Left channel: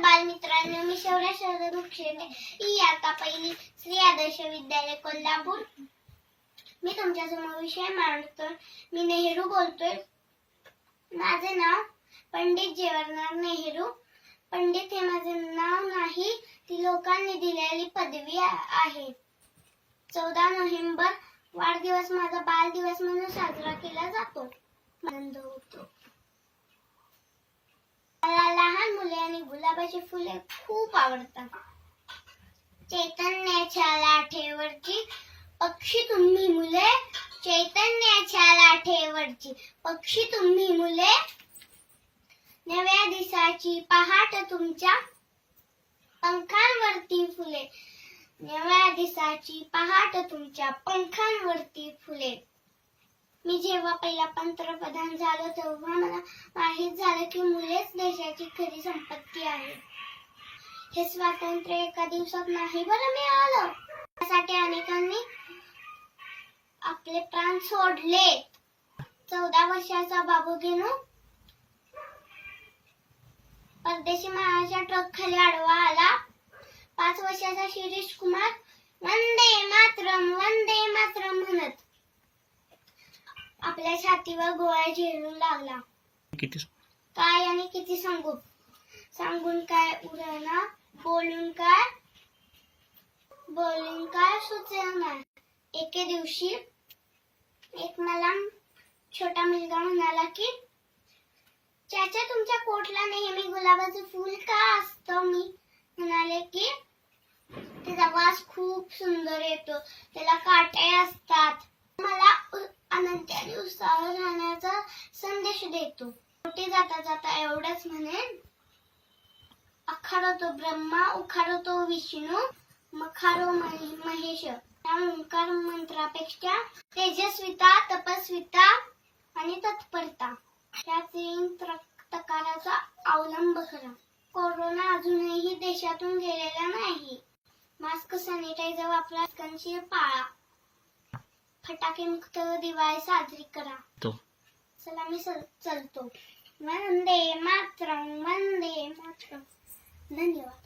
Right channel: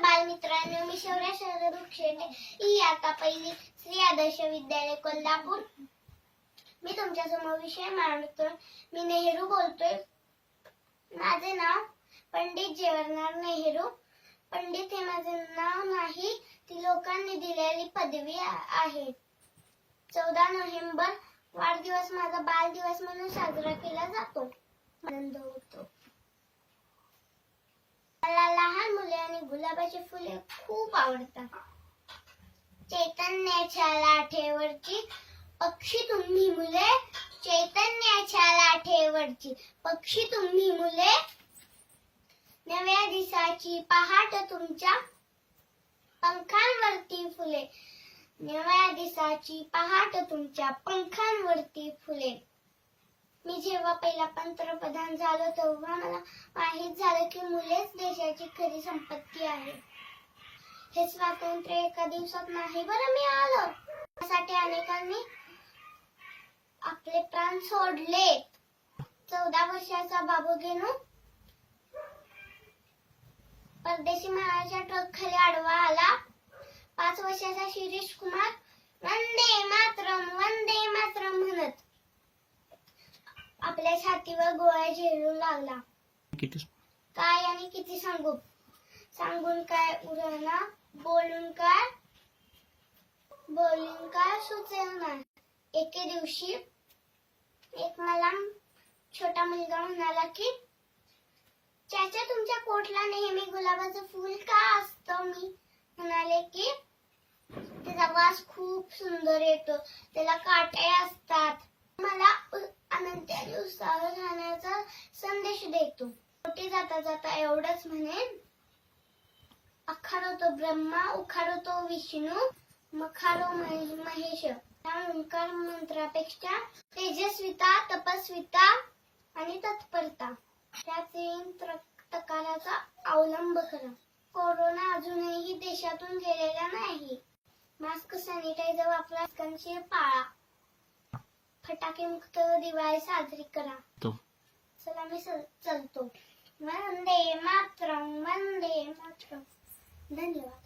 बालमित्रांनो मी शौर्य शरद मुक्षेटे ही आता पहिली श्री आदर्श विद्यालय कोल्हापूर. मी तुमच्यासमोर विषय मांडतो. मी नेहरू बोलतोय. माझे नाव पंडित जवाहरलाल नेहरू. पंडित हे माझे नाव नाही ती लोकांनी दिलेली पदवी आहे. चौदा नोव्हेंबर वाढदिवस माझा बालदिवस म्हणून साजरा केला जातो. आनंद होतो. आणि गुलाबाची फुले खूप आवडतात. चैतन्याच्या लाठेवरची पक्षी तुम्ही मुले. चैतन्याच्या लाठेवरची पक्षी तुम्ही मुले. नव्या दिसाची पहाट तुमच्या पंखांवरती फुले. नव्या दिसाची पहाट तुमच्या पंखांवरती फुले. मी जेव्हा पहिला पंतप्रधान झालो तेव्हा मला माहीत झालं की मुलेच देशाची खरी संपत्ती आहे. हे स्वातंत्र्य एका दिवसात नाही बरं मिळालं. त्यासाठी अनेकांनी आपले प्राण सोडले. चौदा वर्षाचा बाबू गेनो परदेशी महाराजा ट्रक खाली आडवा आला. पाच वर्षाचा शिरीष कुमार वंदे मातरम वंदे मातरम म्हणत आपल्या छातीवर गोळ्या झेलू लागला. किती काय आणि किती सांगू? सांगून काय उरणार बोलून काय? बोलून काय सुचणार एके दिवशी एक मला छोटा मुलगा म्हणाला की चाचा तुमच्या कोटला नेहमी गुलाबाचं फूल का असतं? मी म्हणाले की त्याचा वास खूप सुंदर येतो. त्याला काटे असतात. मला अनंत दिवसावर राहण्याचा संदेश देतो. मोठे जाता जाता एवढंच म्हणेन अखारो तो ब्रह्मा उखारो तो विष्णू मखारो महे- महेश. त्या ओंकार मंत्रापेक्षा तेजस्विता तपस्विता आणि तत्परता त्या तीन प्रकाराचा अवलंब करा. कोरोना अजूनही देशातून गेलेला नाही. मास्क सॅनिटायझर वापरा पाळा. फटाके मुक्त दिवाळी साजरी करा. तो. चला मी चल- चलतो. वंदे मातरम वंदे मातरम. धन्यवाद.